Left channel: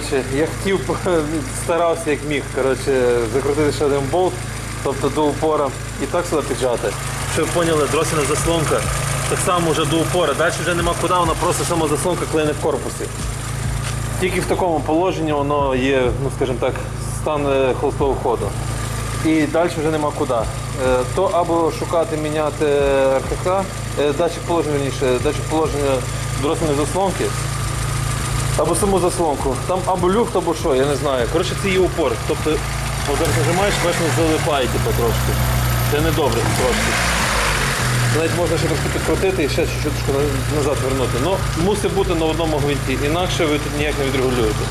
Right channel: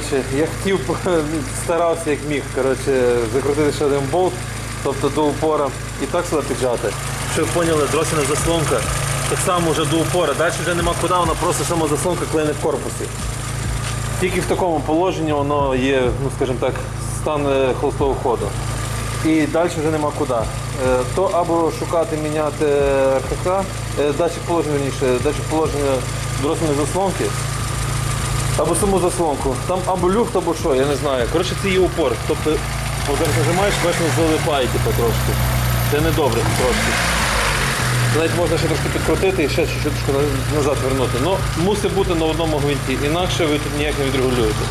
Коротше, я хотів, старався як міг коротше, закрутити ще один болт, тобто до упора і так сюди піджати. Щоб ви поняли, дросіна заслонка так само вже до упора. Далі вже нема куди, вона просто сама заслонка клине в корпусі. Тільки в такому положенні воно є, ну скажімо так, стан е, холостого ходу. І далі вже нема куди. Е, То або шукати, міняти е, датчик положення, верніше, датчик положення дросельної заслонки, або саму заслонку. Там або люфт, або що, я не знаю. Коротше, це є упор. Тобто, зараз нажимаєш, бачиш, залипає типу, трошки. Це не добре трошки. Навіть можна ще трошки підкрутити і ще чуть-чуть назад вернути. Ну, мусить бути на одному гвинті, інакше ви тут ніяк не відрегулюєте.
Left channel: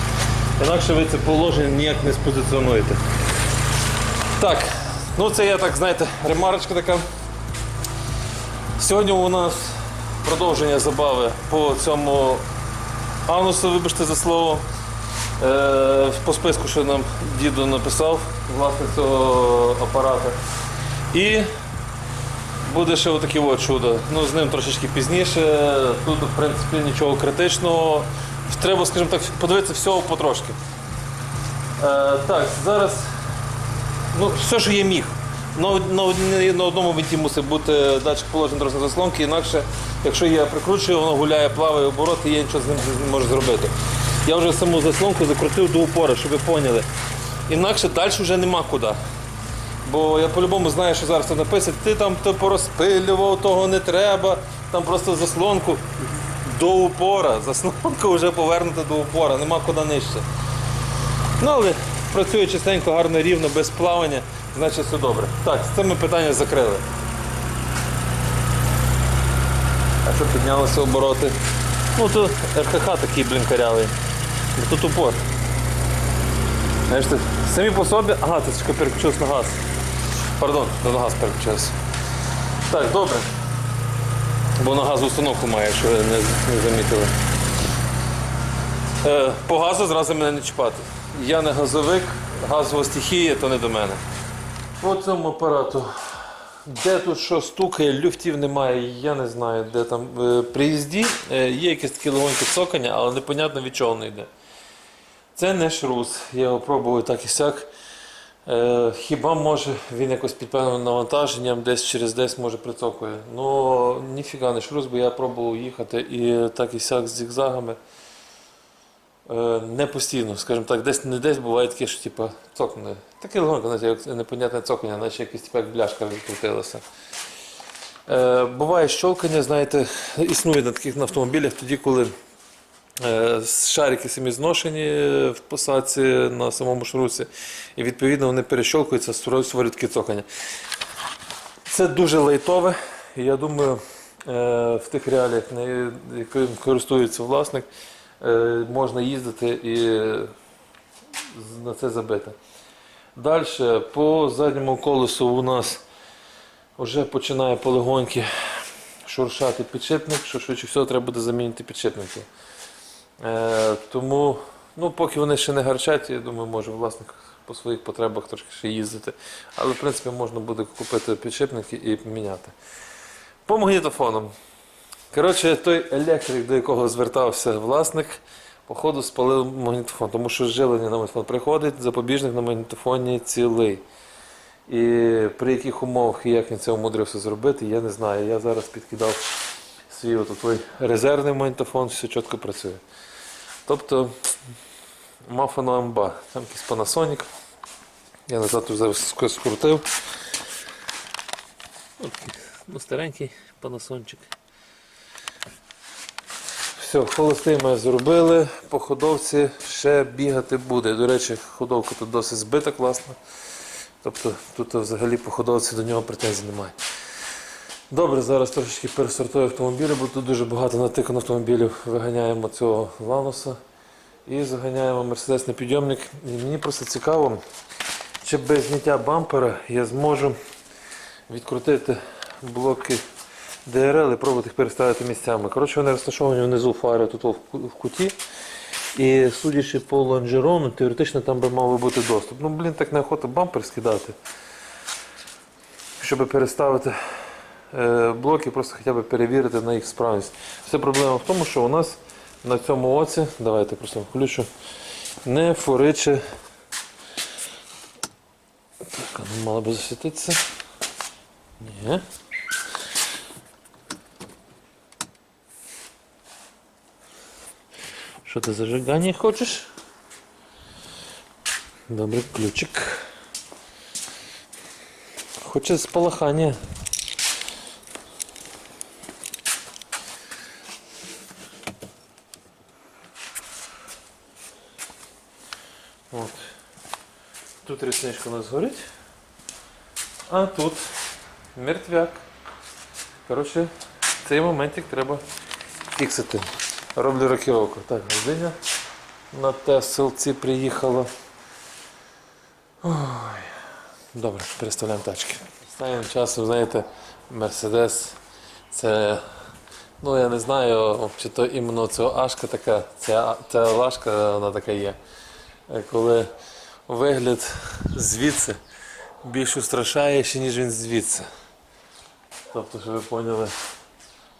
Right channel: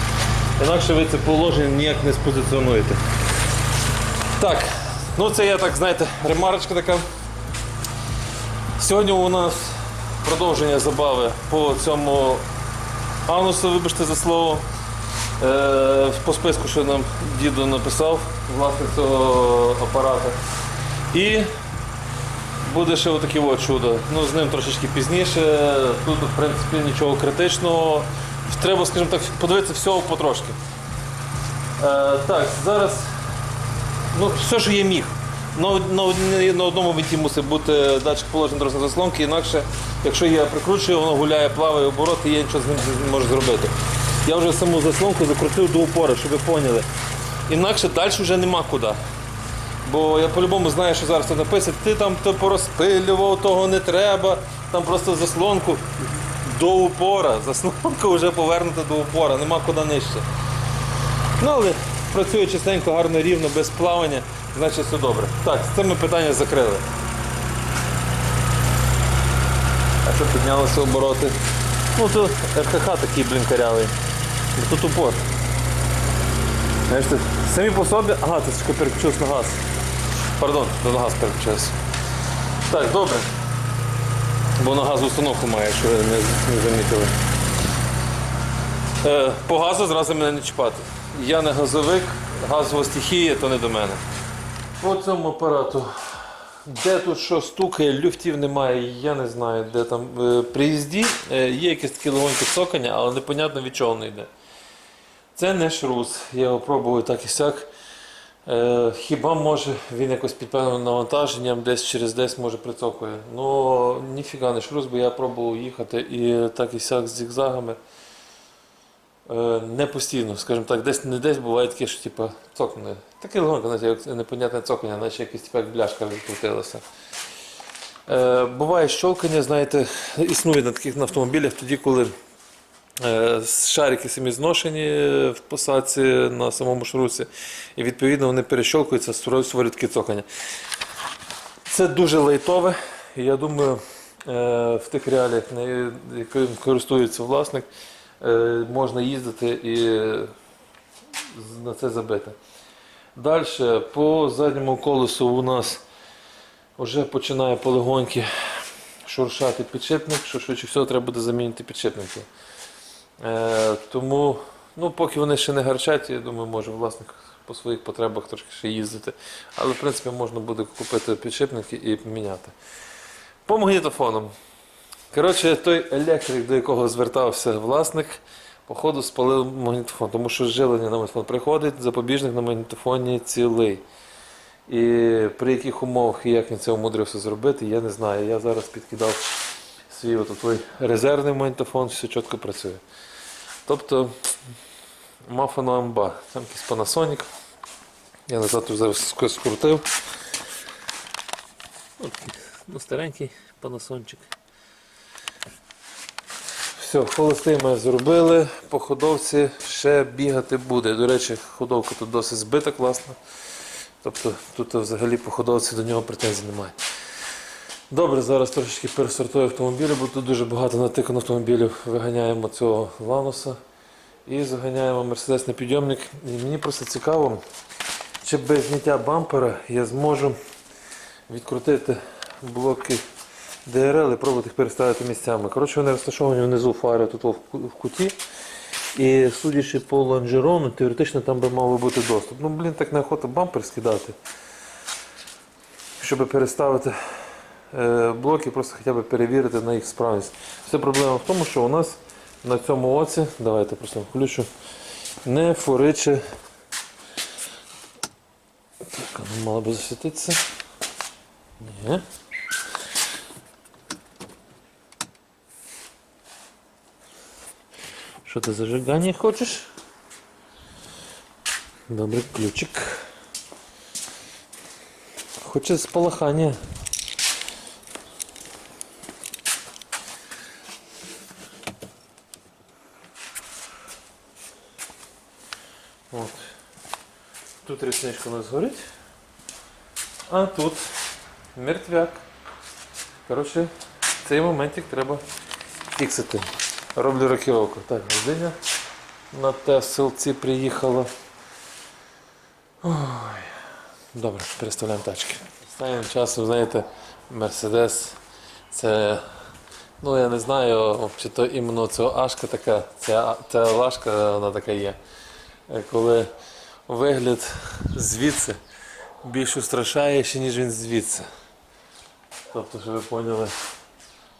Інакше ви це положення ніяк не спозиціонуєте. Так, ну це я так, знаєте, ремарочка така. Сьогодні у нас продовження забави по цьому анусу, вибачте за слово. Е, по списку, що нам діду написав, власник цього апарата. І буде ще отаке от чудо. Ну, з ним трошечки пізніше. Тут, в принципі, нічого критичного. Треба, скажімо так, подивитися всього потрошки. Е, так, зараз ну, все, що є міг. На, на, на одному винті мусить бути датчик положення дорожньої заслонки, інакше, якщо я прикручую, воно гуляє, плаває обороти, я нічого з ним не можу зробити. Я вже саму заслонку закрутив до упора, щоб ви поняли. Інакше далі вже нема куди. Бо я по-любому знаю, що зараз тут написано, ти там то порозпилював, того не треба, там просто заслонку до упора. Заслонка вже повернута до упора, нема куди нижче. Ну, але працює чистенько, гарно, рівно, без плавання, значить все добре. Так, з цим ми питання закрили. А що піднялися обороти? Ну тут РХХ такий, блін, карявий. Ну, Тут упор. Знаєш, ти, самі по собі. Ага, чекай, переключився на газ. Пардон, то на газ переключився. Так, добре. Бо на газу установку має, якщо ви не замітили. Е, по газу зразу мене не чіпати. Я не газовик, газова стихія, то не до мене. По цьому апарату. Де тут що стукає, люфтів немає, я не знаю, де там. Е, При їзді е, є якесь таке легоньке цокання, але непонятно від чого воно йде. Це не шрус. Я його пробую так і сяк. Е, хіба може він якось під певним навантаженням десь через десь може прицокує. Ну ніфіга не шрус, бо я пробував їхати і так і сяк з зігзагами. Е, не постійно, скажімо так, десь не десь буває таке, що типу, цокне. Таке легонько, знаєте, як непонятне цокання, наче якась типу, як бляшка відкрутилася. Е, буває щолкання, знаєте, існує на таких на автомобілях тоді, коли е, шарики самі зношені в посадці на самому шрусі, і відповідно вони перещолкуються, створюють таке цокання. Це дуже лайтове, я думаю, е, в тих реаліях, яким користується власник, можна їздити і на це забити. Далі по задньому колесу у нас вже починає полегоньки шуршати підшипник, що швидше всього треба буде замінити підшипники. Е, тому, ну, поки вони ще не гарчать, я думаю, може власник по своїх потребах трошки ще їздити. Але, в принципі, можна буде купити підшипники і поміняти. По магнітофонам. Коротше, той електрик, до якого звертався власник, походу спалив магнітофон, тому що живлення на магнітофон приходить, запобіжник на магнітофоні цілий. І при яких умовах і як він це умудрився зробити, я не знаю. Я зараз підкидав свій от той резервний магнітофон, все чітко працює. Тобто мафана амба. Там якийсь Panasonic. Я назад зараз скрутив. От ну, старенький панасончик. Все, холостий ми зробили. По ходовці ще бігати буде. До речі, ходовка тут досить збита класно. Тобто тут взагалі по ходовці до нього претензій немає. Добре, зараз трошечки пересортую автомобілі, бо тут дуже багато натикано автомобілів. Виганяємо цього лануса і заганяємо мерседесний підйомник. І мені просто цікаво, чи без зняття бампера я зможу відкрутити блоки ДРЛ і пробувати їх переставити місцями. Коротше, вони розташовані внизу фари тут в куті. І судячи по лонжерону, теоретично там би мав бути доступ. Ну, блін, так неохота бампер скидати. Щоб переставити е, блоки, просто хоча б перевірити на їх справність. Вся проблема в тому, що у нас на цьому оці, давайте просто включу, не фуриче. Так, воно мало би засвітитися. Ні. Що ти зажигання хочеш? Добре, ключик. Хоче спалахання. От. Тут рісничка у нас горить. А тут мертвяк. Коротше, цей моментик треба фіксити. Роблю рокіровку. Так, Годиня на Теселці приїхала. Ой. Добре, переставляємо тачки. Останнім часом, знаєте, Мерседес це. Ну, я не знаю, чи то іменно цього Ашка така, ця, ця Лашка, вона така є. Коли вигляд звідси більш устрашає, ніж він звідси. Тобто, щоб ви поняли,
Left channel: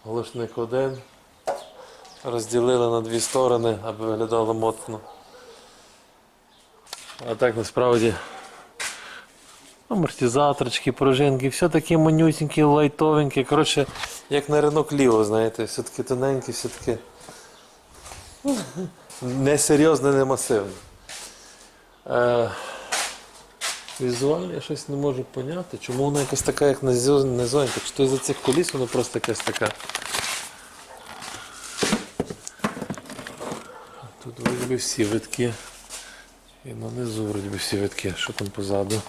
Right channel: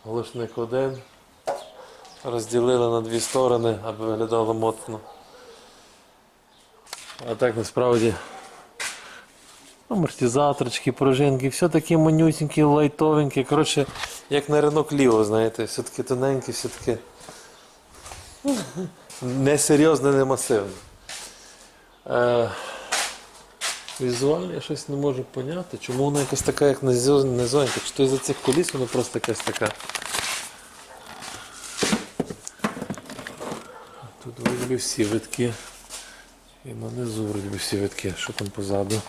глушник один розділили на дві сторони, аби виглядало моцно. А так насправді амортизаторчики, пружинки, все такі манюсінькі, лайтовенькі. Коротше, як на ринок ліво, знаєте, все таки тоненькі, все таки несерйозне, не масивне. Е, візуально я щось не можу поняти, чому вона якась така, як низо- низонька. Чи то із-за цих коліс вона просто якась така. Тут вроді би всі витки. І на низу вроді би всі витки. Що там позаду?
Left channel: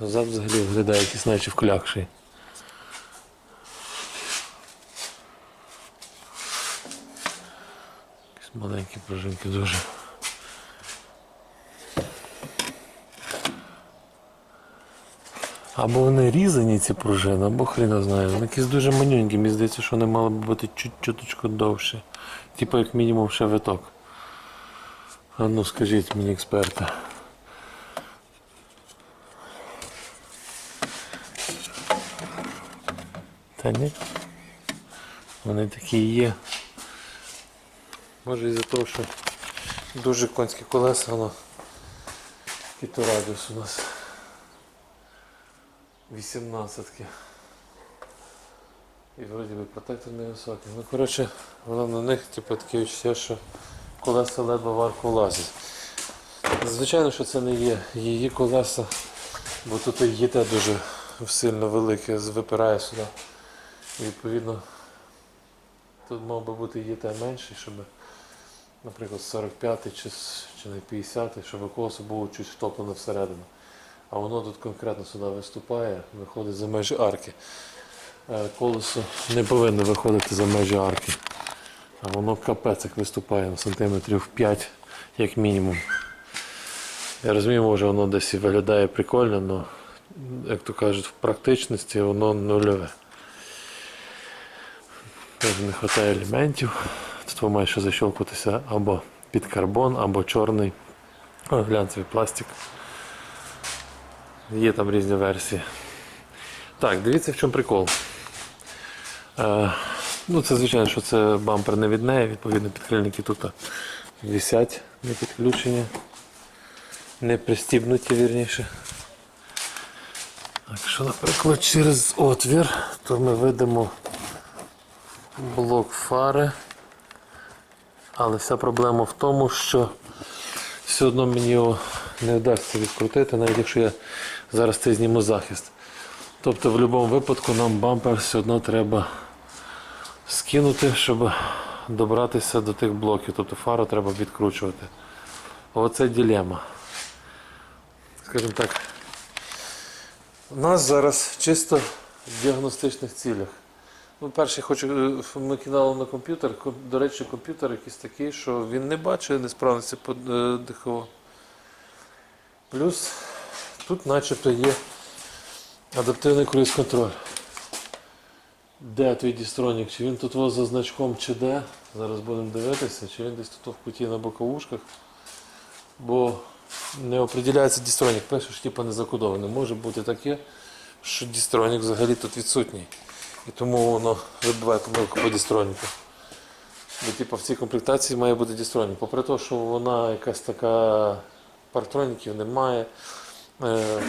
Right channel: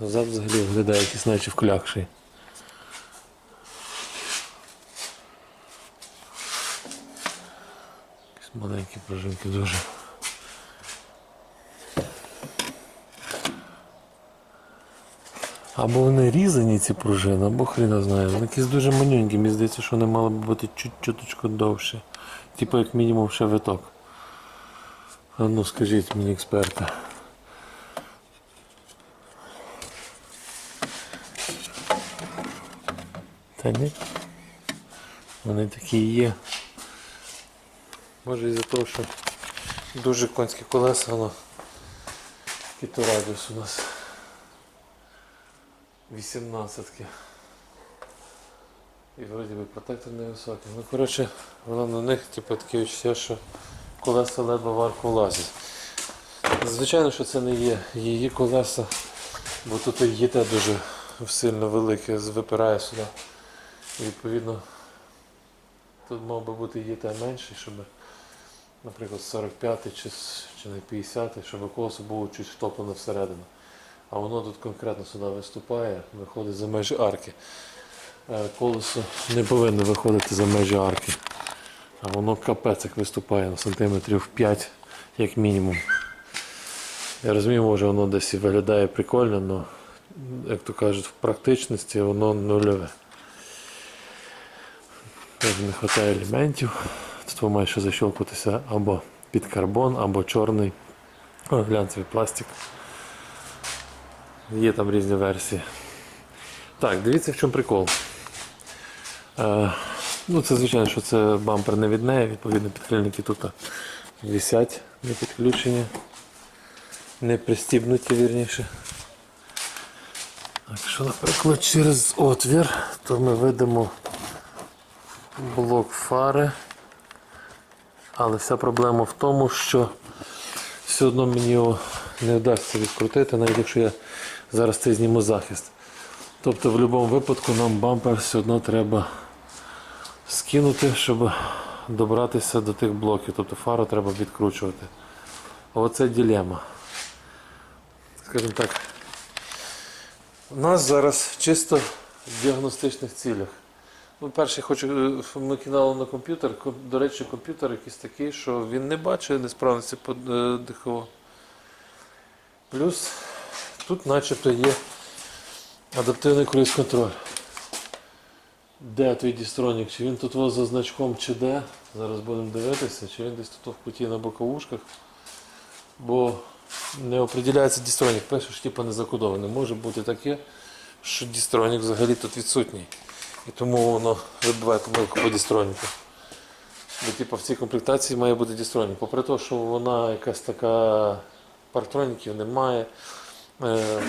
Зад взагалі виглядає якийсь наче вклякший. Якісь маленькі пружинки дуже. Або вони різані ці пружини, або хріна знає. Вони якісь дуже манюнькі, мені здається, що вони мали б бути чуть чуточку довше. Типу як мінімум ще виток. А ну скажіть мені експерти. Та ні. Вони такі є. Може із-за того, що дуже конські колеса, воно який то радіус у нас. 18-ки. І вроді би протектор невисокий. Ну коротше, воно на них типу, таке відчуття, що колеса ледве в арку влазять. Звичайно, що це не є її колеса, бо тут і ЄТ дуже сильно велике, випирає сюди. І відповідно тут мав би бути ЄТ менший, щоб, наприклад, 45 чи, чи не 50, щоб колесо було чуть втоплене всередину. А воно тут конкретно сюди виступає, виходить за межі арки. Е, Колесо не повинно виходити за межі арки. А воно капець як виступає на сантиметрів 5 як мінімум. Я розумію, може воно десь і виглядає прикольно, але, як то кажуть, в практичності воно нульове. Дуже не вистачає елементів. Тут ви має ще защелкуватися або під карбон, або чорний глянцевий пластик. Є там різні версії. Так, дивіться в чому прикол. Е, ну, це звичайно, що це бампер не від неї, відповідно, підкрильники тут висять, не підключені, не пристібнуті вірніше. Якщо, наприклад, через отвір, то ми видимо блок фари. Але вся проблема в тому, що все одно мені його не вдасться відкрутити, навіть якщо я зараз це зніму захист. Тобто в будь-якому випадку нам бампер все одно треба скинути, щоб добратися до тих блоків. Тобто фару треба відкручувати. Оце ділема. Скажімо так. У нас зараз чисто в діагностичних цілях. Ну, перше, хочу, е, ми кидали на комп'ютер. До речі, комп'ютер якийсь такий, що він не бачить несправності по е, ДХО. Плюс тут начебто є адаптивний круїз-контроль. Де твій дістронік? Чи він тут за значком, чи де? Зараз будемо дивитися, чи він десь тут в куті на боковушках. Бо не определяється дістронік. Пише, що типу не закодований. Може бути таке, що дістронік взагалі тут відсутній. І тому воно вибиває помилку по дістроніку. Бо типу, в цій комплектації має бути дістронік. Попри те, що вона якась така партроніків немає,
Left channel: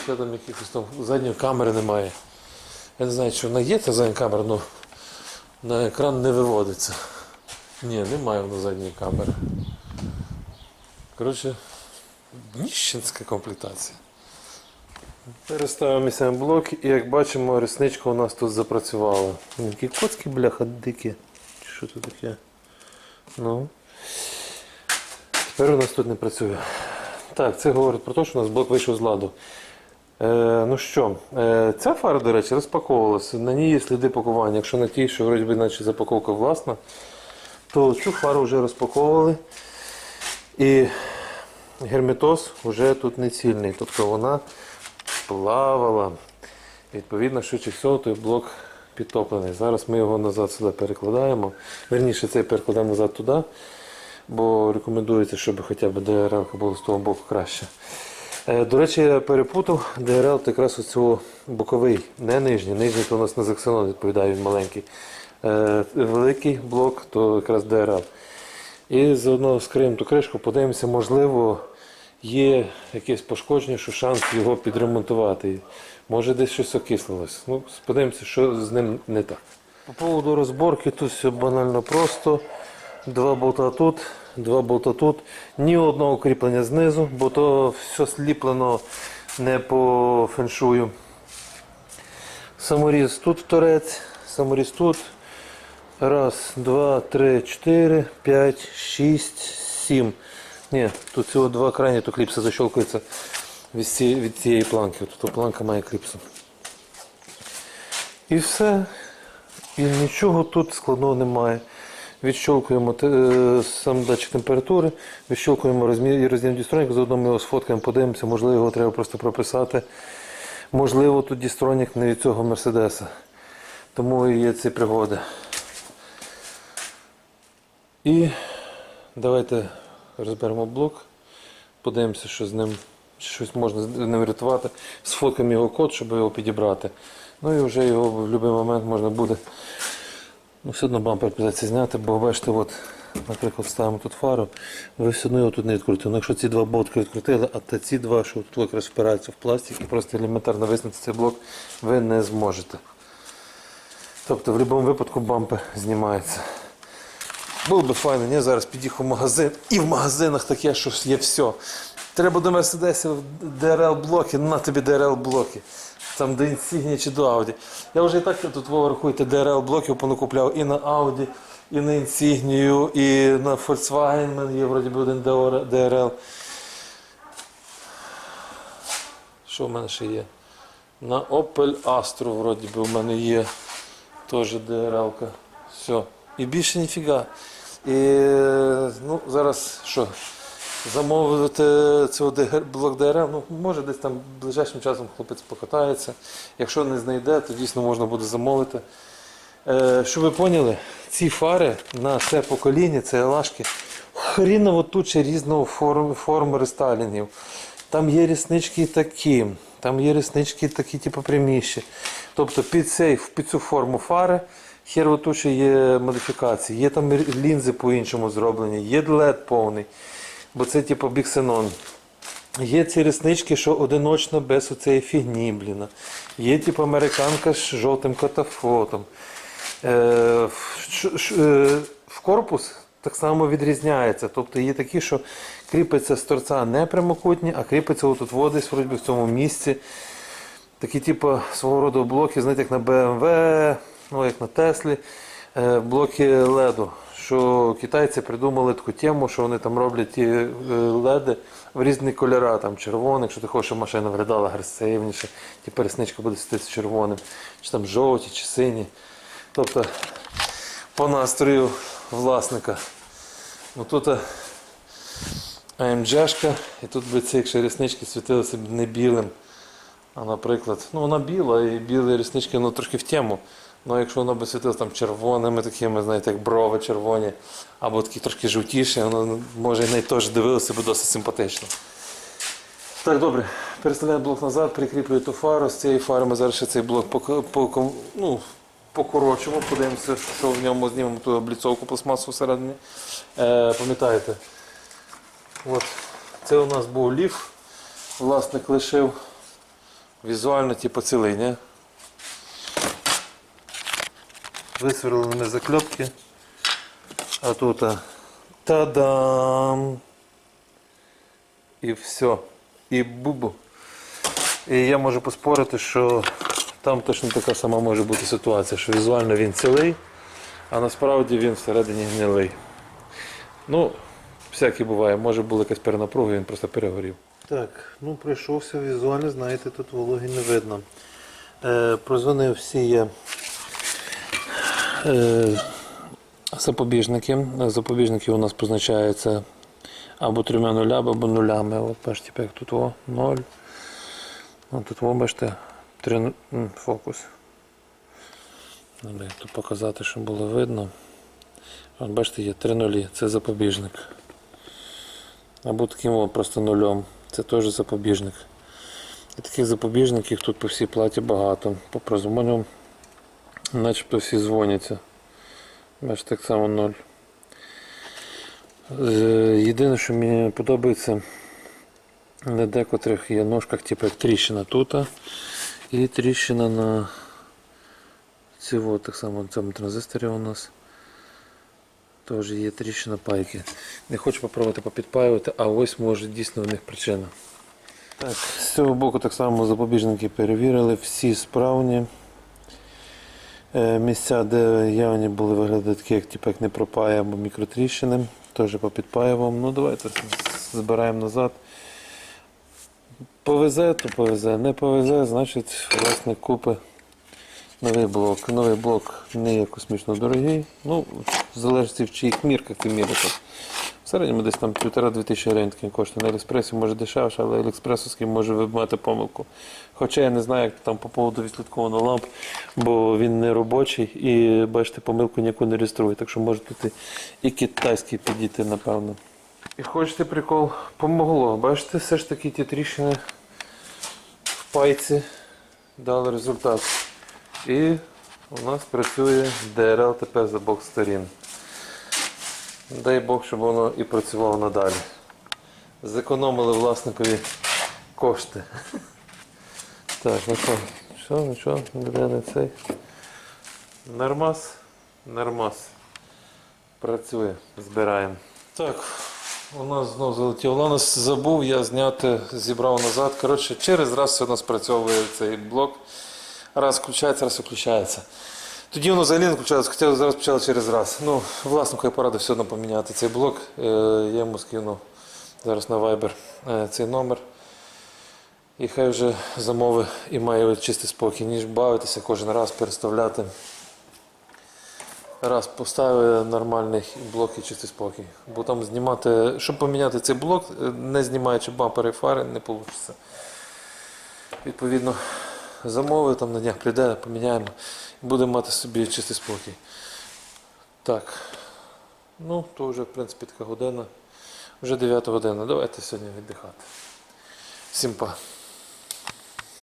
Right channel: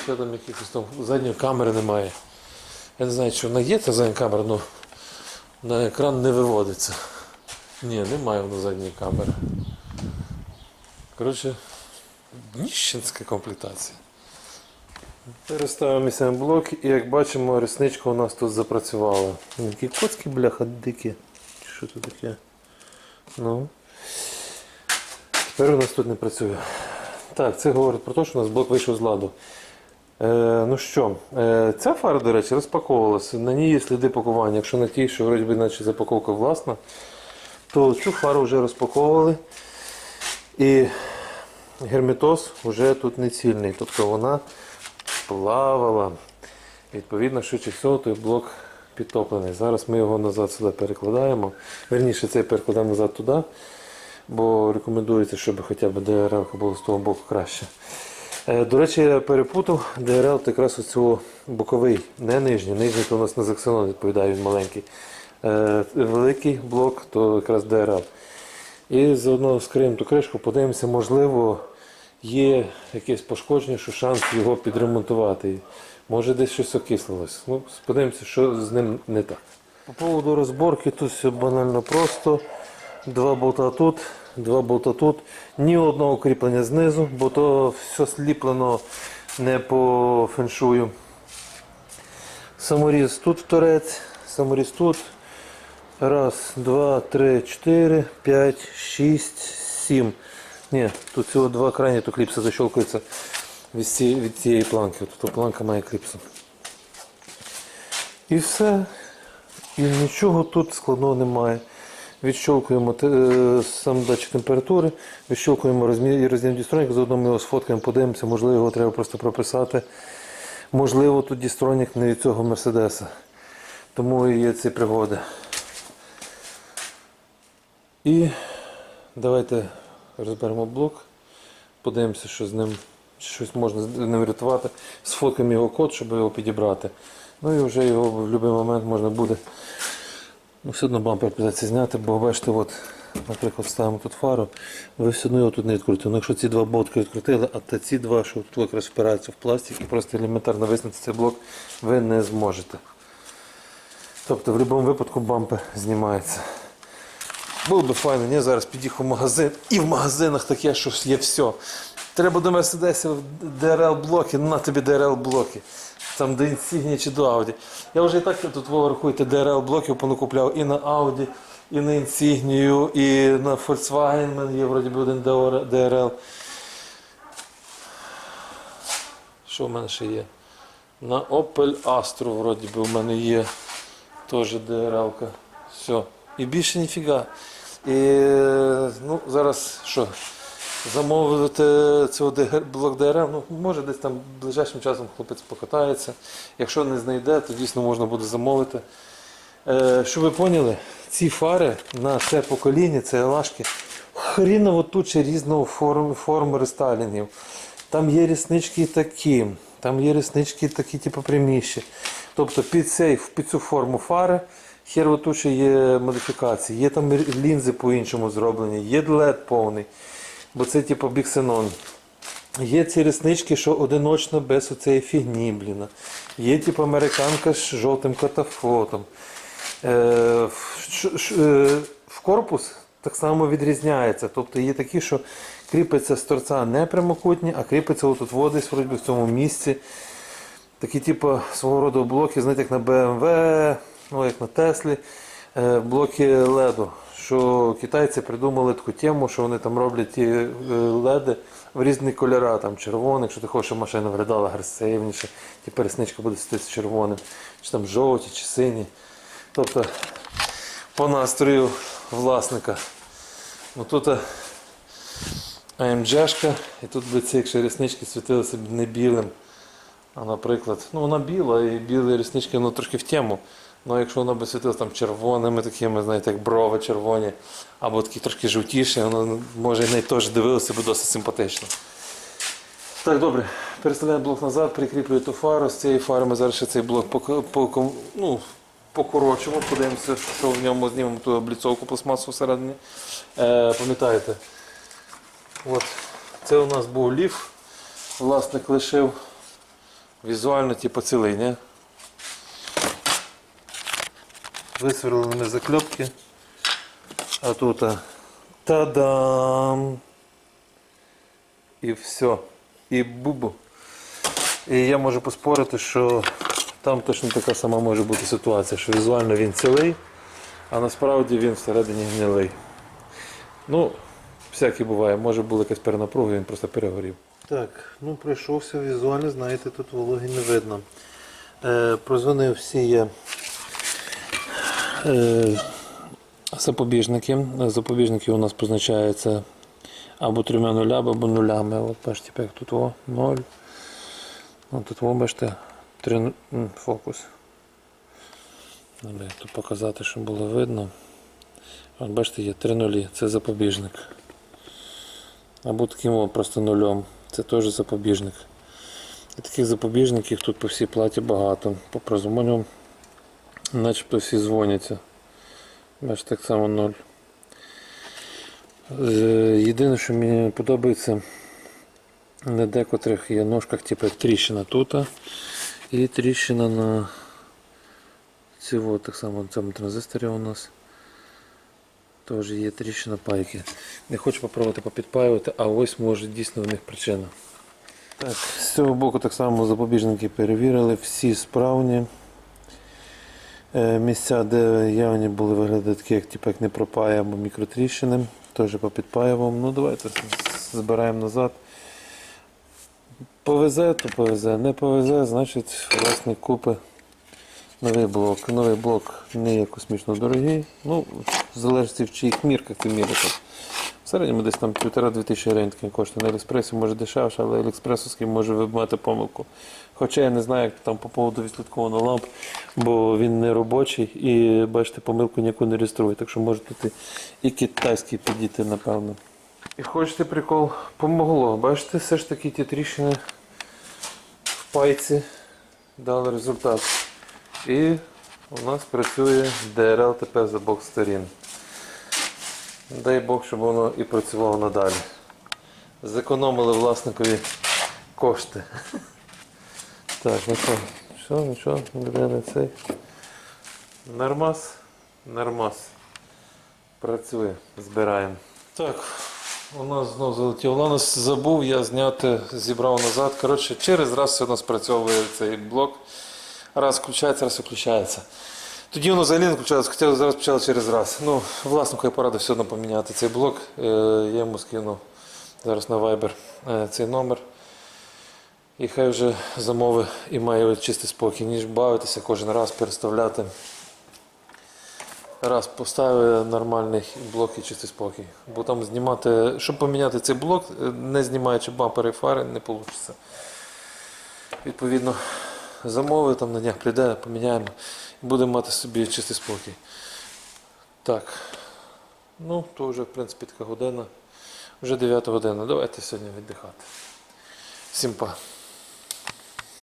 ще там якихось там задньої камери немає. Я не знаю, чи вона є та задня камера, але на екран не виводиться. Ні, немає воно задньої камери. Коротше, ніщенська комплектація. Переставимо місцем блок і як бачимо, ресничка у нас тут запрацювала. Які коцки, бляха, дикі. Що це таке? Ну. Тепер у нас тут не працює. Так, це говорить про те, що у нас блок вийшов з ладу. Е, ну що, е, ця фара, до речі, розпаковувалася. На ній є сліди пакування. Якщо на тій, що вроді би, наче запаковка власна, то цю фару вже розпаковували. І герметоз вже тут не цільний. Тобто вона плавала. Відповідно, швидше всього, той блок підтоплений. Зараз ми його назад сюди перекладаємо. Верніше, цей перекладаємо назад туди, бо рекомендується, щоб хоча б ДРЛ було з того боку краще. Е, До речі, я перепутав ДРЛ якраз ось боковий, не нижній. Нижній то у нас на Зексенон відповідає, він маленький. Е, Великий блок то якраз ДРЛ. І заодно скриємо ту кришку, подивимося, можливо, є якесь пошкодження, що шанс його підремонтувати. Може десь щось окислилось. Ну, подивимося, що з ним не так. По поводу розборки тут все банально просто. Два болта тут, два болта тут. Ні одного кріплення знизу, бо то все сліплено не по феншую. Саморіз тут торець, саморіз тут. Раз, два, три, чотири, п'ять, шість, сім. Ні, тут всього два крайні, то кліпси защелкуються від цієї, планки. Тут планка має кліпсу. І все. І нічого тут складного немає. Відщолкуємо е, сам датчик температури, відщолкуємо розмір розмір дістронік, заодно ми його сфоткаємо, подивимося, можливо, його треба просто прописати. Можливо, тут дістронік не від цього Мерседеса. Тому і є ці пригоди. І давайте розберемо блок, подивимося, що з ним щось можна з ним врятувати. Сфоткаємо його код, щоб його підібрати. Ну і вже його в будь-який момент можна буде. Ну, все одно бампер придеться зняти, бо бачите, от, наприклад, ставимо тут фару, ви все одно його тут не відкрутите. Ну, якщо ці два болтки відкрутили, а ці два, що тут якраз впираються в пластик і просто елементарно виснути цей блок, ви не зможете. Тобто в будь-якому випадку бампер знімається. Було би файно, ні, зараз під'їхав в магазин, і в магазинах таке, що є все. Треба до Мерседесів ДРЛ блоки, на тобі ДРЛ блоки. Там до чи до Audi. Я вже і так тут ви рахуєте ДРЛ блоків понакупляв і на Audi, і на Insignia, і на Volkswagen є вроді би один ДРЛ. Що в мене ще є? На Opel Astra вроді би в мене є теж ДРЛ-ка. Все. І більше ніфіга. І ну, зараз що? Замовити цього блок ДРЛ, ну може десь там ближайшим часом хлопець покатається. Якщо не знайде, то дійсно можна буде замовити. Е, щоб ви поняли, ці фари на це покоління, це лашки, хріново туча різного форм, форм рестайлінгів. Там є ріснички такі, там є ріснички такі, типу пряміші. Тобто під, цей, під цю форму фари херово туча є модифікації, є там лінзи по-іншому зроблені, є LED повний, бо це типу біксенон. Є ці реснички, що одиночно без оцеї фігні, бліна. Є типу американка з жовтим катафотом. Е, е, в корпус так само відрізняється. Тобто є такі, що кріпиться з торця не прямокутні, а кріпиться отут водись в цьому місці. Такі, типу, свого роду блоки, знаєте, як на BMW, ну як на Теслі, е, блоки леду. Що китайці придумали таку тему, що вони там роблять ті е, леди в різні кольори, там червоний, якщо ти хочеш, щоб машина виглядала агресивніше, ті пересничка буде світитися червоним, чи там жовті, чи сині. Тобто по настрою власника. Ну тут е, AMG-шка, і тут би ці якщо ріснички світилися б не білим. А наприклад, ну вона біла і білі ріснички ну, трошки в тему. Ну якщо вона би світилася там червоними, такими, знаєте, як брови червоні, або такі трошки жовтіші, воно може і теж дивилося б досить симпатично. Так, добре, переставляємо блок назад, прикріплюю ту фару. З цієї фари ми зараз ще цей блок по, ну, покорочимо, подивимося, що в ньому знімемо ту обліцовку пластмасу всередині. Е, пам'ятаєте, от, це у нас був ліф. Власник лишив візуально типу цілий, ні? Висверлили ми закльопки. А тут та-дам! І все. І бубу. І я можу поспорити, що там точно така сама може бути ситуація, що візуально він цілий, а насправді він всередині гнилий. Ну, всяке буває, може була якась перенапруга, він просто перегорів. Так, ну пройшовся візуально, знаєте, тут вологи не видно. Е, прозвонив всі е, запобіжники. Запобіжники у нас позначаються або трьома нулями, або нулями. От бачите, як тут о, 0. От тут о, бачите, три, ну- фокус. Тут показати, щоб було видно. От бачите, є три нулі, це запобіжник. Або таким о, просто нульом. Це теж запобіжник. І таких запобіжників тут по всій платі багато. По прозвоню начебто всі дзвоняться. Бачите, так само ноль. Е, Єдине, що мені подобається, на декотрих є ножках, типу як тріщина тут, і тріщина на цього, так само на цьому транзисторі у нас. Теж є тріщина пайки. Не хочу попробувати попідпаювати, а ось може дійсно в них причина. Так, з цього боку так само запобіжники перевірили, всі справні. Е, Місця, де явні були виглядати такі, як, типу, як не пропає або мікротріщини, теж попідпаюваємо. Ну давайте збираємо назад. Повезе, то повезе, не повезе, значить власник купи новий блок. Новий блок не є космічно дорогий. Ну, залежить в чиїх мірках ти мірити. Середньому десь там півтора-дві тисячі гривень такий коштує. На Аліекспресі може дешевше, але Аліекспресовський може мати помилку. Хоча я не знаю, як там по поводу відслідкованого ламп, бо він не робочий і бачите, помилку ніяку не реєструє. Так що може тут і, китайський підійти, напевно. І хочете прикол? Помогло. Бачите, все ж таки ті тріщини в пайці дали результат. І у нас працює DRL тепер з обох сторін. Дай Бог, щоб воно і працювало надалі. Зекономили власникові кошти. Так, ну що, що, нічого, ніде не цей. Нормас, нормас. Працює, збираємо. Так, у нас знову залетів Ланос. Забув я зняти, зібрав назад. Коротше, через раз все у нас спрацьовує цей блок. Раз включається, раз виключається. Тоді воно взагалі не включалося, хоча зараз почало через раз. Ну, власнику я порадив все одно поміняти цей блок. Е, Я йому скину зараз на Viber е, цей номер. І хай вже замови і має чистий спокій, ніж бавитися кожен раз, переставляти. Раз поставив нормальний блок і чистий спокій. Бо там знімати, щоб поміняти цей блок, е, не знімаючи бампери і фари, не вийде. Відповідно, замови там на днях прийде, поміняємо і будемо мати собі чистий спокій. Так. Ну, то вже, в принципі, така година. Вже 9 година. Давайте сьогодні віддихати. Всім па.